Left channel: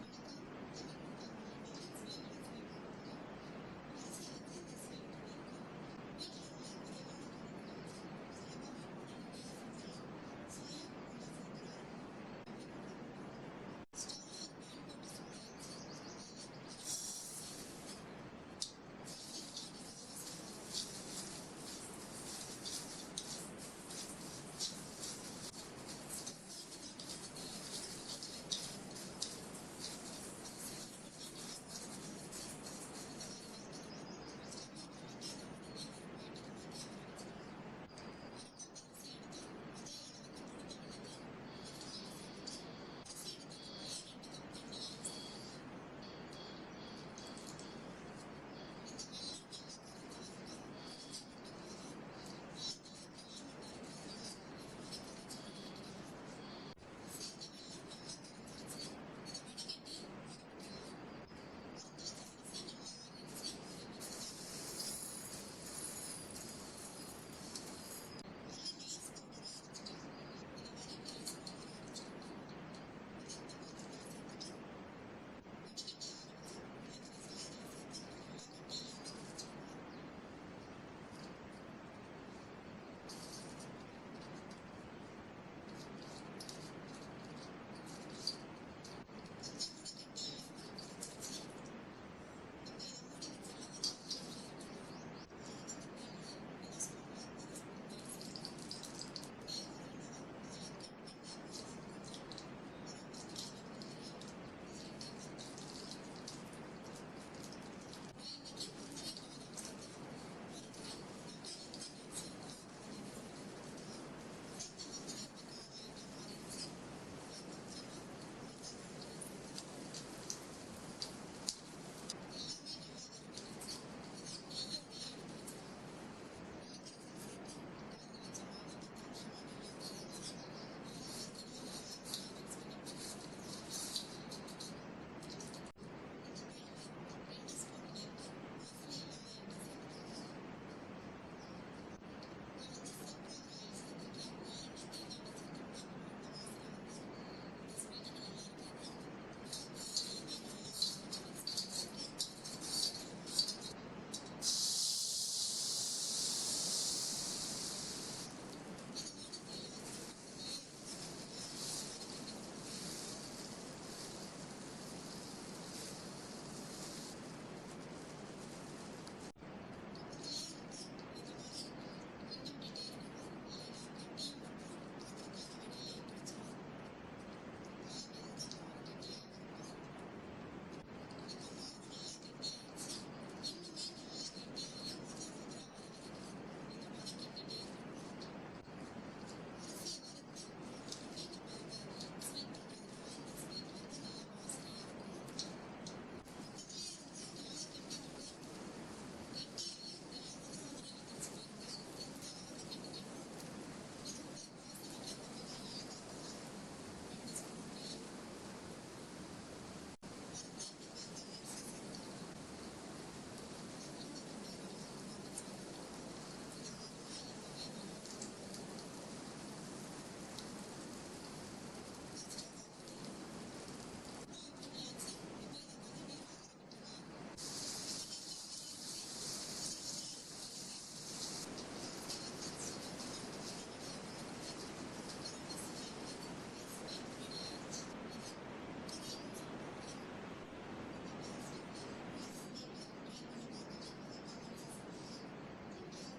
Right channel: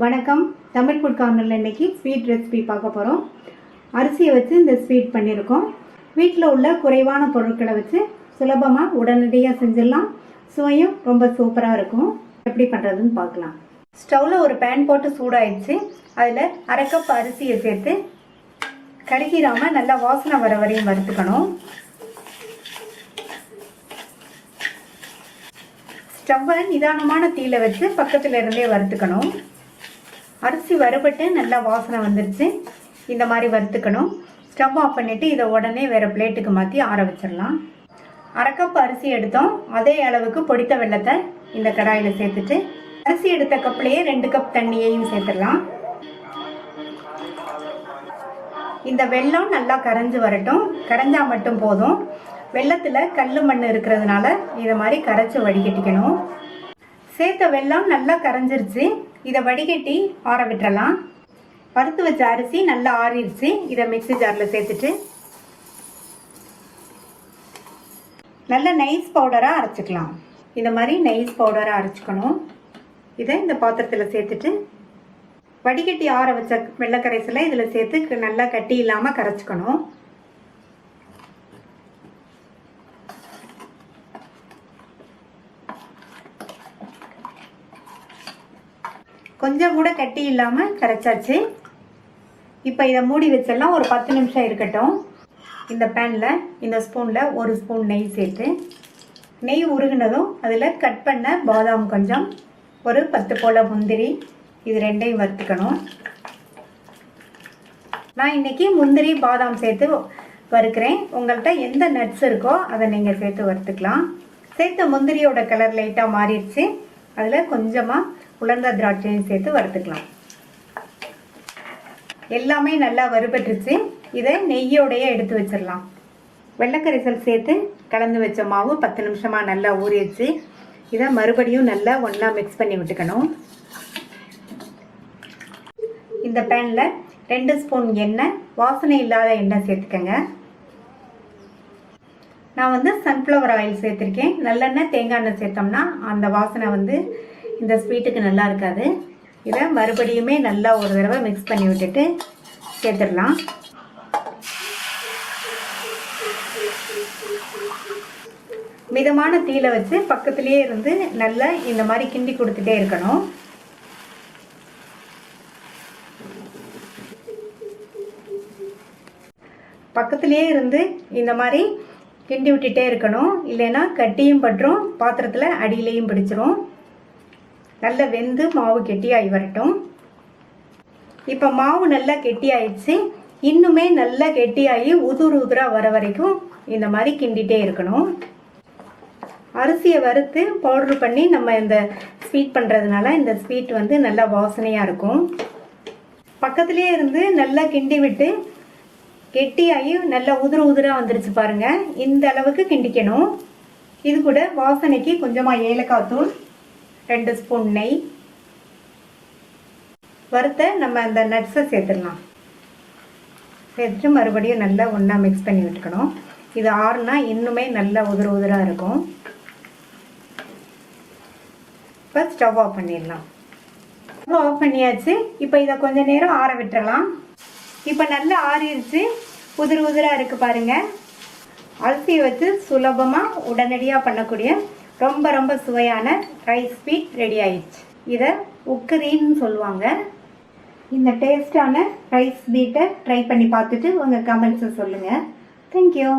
வணக்கம். தமிழ் ஃபுட் கார்னரில் இன்றைக்கி ஸ்வீட் ரெசிபி பார்க்க போகிறோம். அரிசியை வச்சு இந்த ஸ்வீட் பண்ணியிருக்கோம். வீட்டில் உள்ள குறைவான பொருட்களை வச்சு சுலபமாக உடனடியாக செஞ்சிடலாம். சுவையும் ரொம்ப சூப்பராக இருக்கும். எப்படி பண்ணுறதுன்னு பார்க்கலாம். ஸ்டவ்வில் ஒரு பேன் போட்டு சூடாயிடுச்சு. அதில் அரை கப் அரிசியை சேர்த்து கருகிராமல் நல்லா வாசனை வர வரையும் வறுத்துக்கணும். ஸ்டவ்வை நிதானமான தீயில வச்சு பக்கத்தில் இருந்தே வறுத்துக்கணும். அரிசி வறுபட்டு நல்லா வாசனை வந்துருச்சு. இந்த மாதிரி வறுத்துக்கணும். ஸ்டவ் ஆஃப் பண்ணிவிட்டு இதை உடனே வேறு பிளேட்டுக்கு மாற்றி ஆற வச்சிடலாம். அரை கப் அரிசி எடுத்தோம். அதே அளவுக்கு பொடித்த வெல்லத்தை இந்த கடாயில் சேர்த்துட்டு அரிசி எடுத்த கப்லேயே 2 கப் தண்ணியையும் சேர்த்துடலாம். இந்த வெல்லம் நல்லா கரைஞ்சி வரட்டும். கரைஞ்சா மட்டும் போதும். வெல்லத்தில் கல் மண் இருக்கிறதுனால இதை மாதிரி கரைச்சி வடிகட்டிக்கணும். சேர்த்த வெல்லம் நல்லா கரைஞ்சிருச்சு. இதை வடிகட்டி ஆற விட்டுறலாம். வறுத்து வச்ச அரிசி நல்லா ஆறிடுச்சு. இதை மிக்ஸி ஜாரில் சேர்த்துட்டு நல்ல நைஸ் பவுடராக அரைச்சிக்கலாம். இந்த மாதிரி நைஸ் பவுடராக அரைச்சிக்கணும். இதை இந்த பாத்திரத்தில் சேர்த்துட்டு வடிகட்டி ஆற வச்ச வெள்ளைக்கரைசலை இதில் சேர்த்து நல்லா கட்டி இல்லாமல் கரைச்சிக்கணும். கொஞ்சம் கூட கட்டி இல்லாமல் கரைச்சாச்சு. இப்போ இதை மூடி வச்சிடலாம். ஒரு 10 நிமிஷம் இருக்கட்டும். இந்த பேனில் இந்த ஸ்பூனில் 1 ஸ்பூன் நெய் சேர்த்து நெய் உருகினதும் அதில் கட் பண்ண பாதாம் கொஞ்சம், ஒரு 10 போல் முந்திரி, இது ரெண்டையும் வறுத்துக்கணும். நான் இன்றைக்கி முந்திரி பாதாம் சேர்த்து வறுக்கிறேன். உங்கள்கிட்ட எந்த நட்ஸ் இருக்கோ அதை நீங்கள் சேர்த்து வறுத்துக்கலாம். சேர்த்த முந்திரியோட கலர் லைட்டாக மாறிடுச்சு. அதில் கொஞ்சமாக உலர்ந்த திராட்சையும் சேர்த்து வறுத்துக்கலாம். எல்லாமே நல்லா வறுபட்டுருச்சு. இதை நெய்யோடையே எடுத்து வச்சிடலாம். வெள்ளைக்கரைசல் சேர்த்து கலந்து வச்ச மாவு 10 நிமிஷமாக நல்லா ஊறிடுச்சு. இதை மறுபடியும் நல்லா ஒன்றா மிக்ஸ் பண்ணி விட்டுக்கணும். இந்த பேனில் 2 ஸ்பூன் எண்ணெய், வாசனை இல்லாத எண்ணெய் சேர்த்துக்கங்க. நான் சன்ஃப்ளவர் ஆயில் சேர்த்துருக்கேன். நல்லெண்ணெய் தேங்காய் எண்ணெய் சேர்த்தோம்னா அந்த வாசனை இந்த ஸ்வீட்டுக்கு நல்லா இருக்காது. இதை மறுபடியுமே நல்லா ஒரு தடவை மிக்ஸ் பண்ணி விட்டுட்டு சேர்த்துடலாம். மிதமான தீயில வச்சு பக்கத்துலேயே இருந்து நல்லா இந்த மாதிரி கிண்டி கொடுத்துட்டே இருக்கணும். பக்கத்துலேயே இருந்து இந்த மாதிரி கிண்டி விட்டுட்டே இருக்கணும். இல்லைன்னா கட்டியும் பற்றும், பாத்திரத்தில் அடியிலையும் பிடிச்சிரும். நல்லா வெந்து மாவு கெட்டியாகி வரட்டும். இப்போ மாவு நல்லா கெட்டியாயிடுச்சு. இன்னுமே நல்லா கெட்டியாகி உதுராக வர வரைக்கும் இந்த மாதிரி கிண்டிகிட்டே இருக்கணும். அரிசியை வறுத்து பவுட்ரு பண்ணி நம்ம இந்த ஸ்வீட் பண்ணுறதுனால இந்த ஸ்வீட் நல்லா வாசனையாக இருக்கும். பக்கத்துலேயே இருந்து நல்லா கிண்டி விட்டு கெட்டியாகி நல்லா உதிராக வந்துருச்சு பாருங்கள். இந்த அளவுக்கு கிண்டிக்கணும். இது கூட வாசனைக்கு கொஞ்சமாக ஏலக்காய் தூள், 2 ஸ்பூன் நெய், வறுத்த நம்ம அந்த நட்ஸை சேர்த்துடலாம். சேர்த்துட்டு மறுபடியும் நல்லா ஒன்றா மிக்ஸ் பண்ணி விட்டுக்கணும். இது ஆறுனா இன்னுமே நல்லா உதிராக இருக்கும். இப்போ ஸ்டவ் ஆஃப் பண்ணிடலாம். ஸ்டவ் ஆஃப் பண்ணியாச்சு. இப்போ இதை கொஞ்சம் நேரம் ஆற விட்டுறலாம். இப்போ நல்லா ஆறிடுச்சு. உதிராக இருக்குது பாருங்கள். அரிசியை வச்சு சுலபமாக உடனடியாக பண்ணக்கூடிய ரொம்ப சுவையான ரைஸ் ஸ்வீட் ரெடி ஆயிடுச்சு. இதை உக்கரின்னு சொல்லுவாங்க. இந்த டேஸ்டான ரைஸ் ஸ்வீட்டை ட்ரை பண்ணி பார்த்துட்டு உங்கள் கமெண்ட்ஸை சொல்லுங்கள். தேங்க்யூ.